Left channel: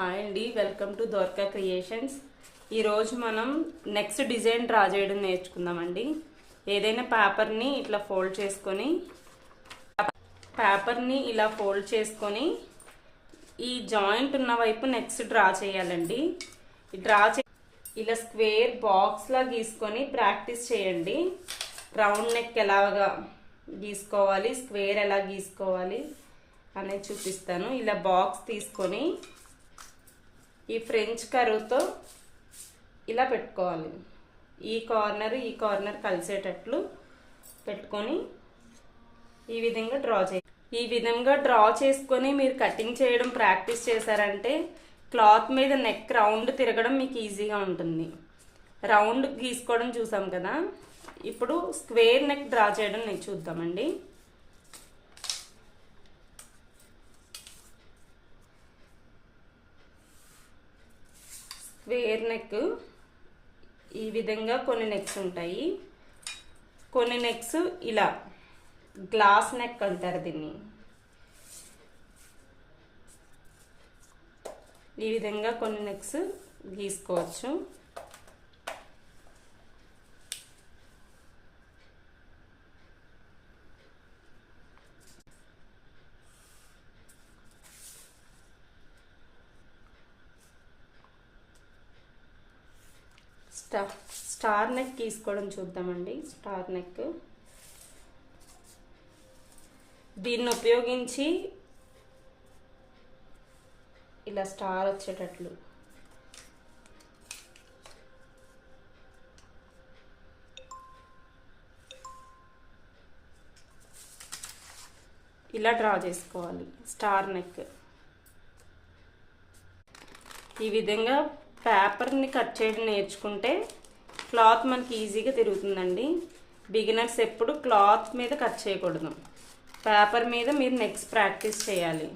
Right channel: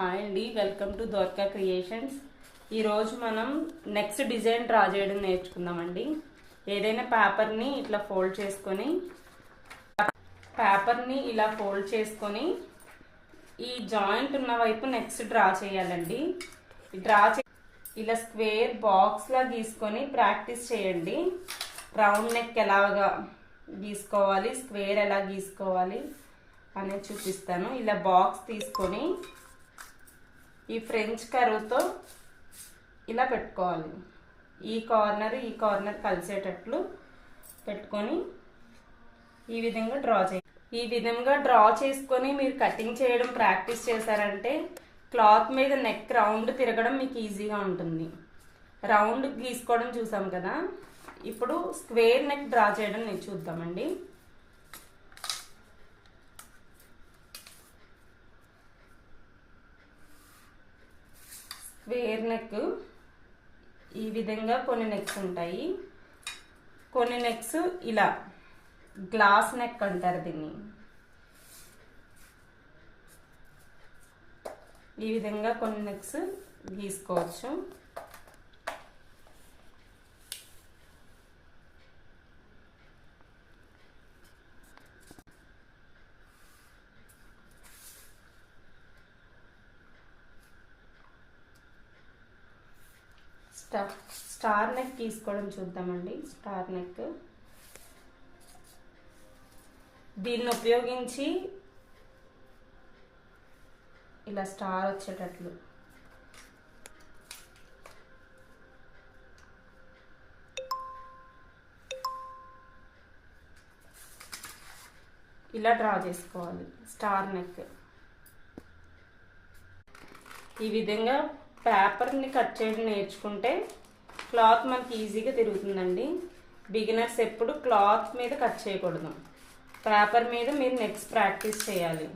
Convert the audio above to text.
Hi అండి, welcome to Dwaraka creations. ఈరోజు మనం నెక్స్ట్ డిజైన్ డ్రా చేయడం నేర్చుకుందామండి. ఏదైనా పేపర్ని ఇలా ఫోల్డ్ చేసుకొని ఈ జాయింట్ ఉన్న వైపు నెక్స్ట్ డ్రా చేయాలండి. ఇలా స్క్వేర్ బాక్స్ లా గీసుకొని ప్రాక్టీస్ చేయండి. రౌండ్ నెక్ ఎలాగా గీసుకోవాలి, స్క్వేర్ ఎలా గీసుకోవాలి అనేది చూపిస్తాను. ఇలా బాక్స్ తీసుకొని ఈ ఫ్రెంచ్ కర్వ్తో ఇలా పెట్టుకోవాలి. ఈ కార్నర్ కలిసేటట్లు పెట్టుకొని ఈ విధంగా డ్రా చేసుకొని మీరు కటింగ్ చేయడం ప్రాక్టీస్ చేశారంటే క్లాత్ మీద నెక్ రౌండ్ తిరగడం మీకు ఈజీగా ఉంటుంది. రౌండ్ గీసుకోవడం చూసాం కదా, ఇప్పుడు స్క్వేర్ నెక్ డ్రా చేయడం నేను చూద్దామండి. స్క్వేర్ నెక్ ఈ విధంగా కొన్ని నెక్స్ ఉంటాయి. కొన్ని నెక్స్ ఇలా గ్లాస్ నెక్ అంటారు దీన్ని. ఈ విధంగా కొన్ని నెక్స్ గీసుకోవచ్చు. స్టార్ నెక్ గీసుకోవడం చూద్దామండి. స్టార్ నెక్ దీన్ని ఉపయోగించి ఇలా స్టార్ వచ్చేటట్లు ఇలా డ్రా చేసుకోవాలి. స్టార్ నెక్ ఈ విధంగా పేపర్ని కట్ చేయడం నేర్చుకుంటే క్లాత్ మనకి ఈజీగా తిరుగుతుందండి. బిగినర్స్ ఎప్పుడు క్లాత్ మీద కట్ చేయకూడదు, పేపర్ మీద మీరు నెక్స్ట్ ప్రాక్టీస్ చేయాలి.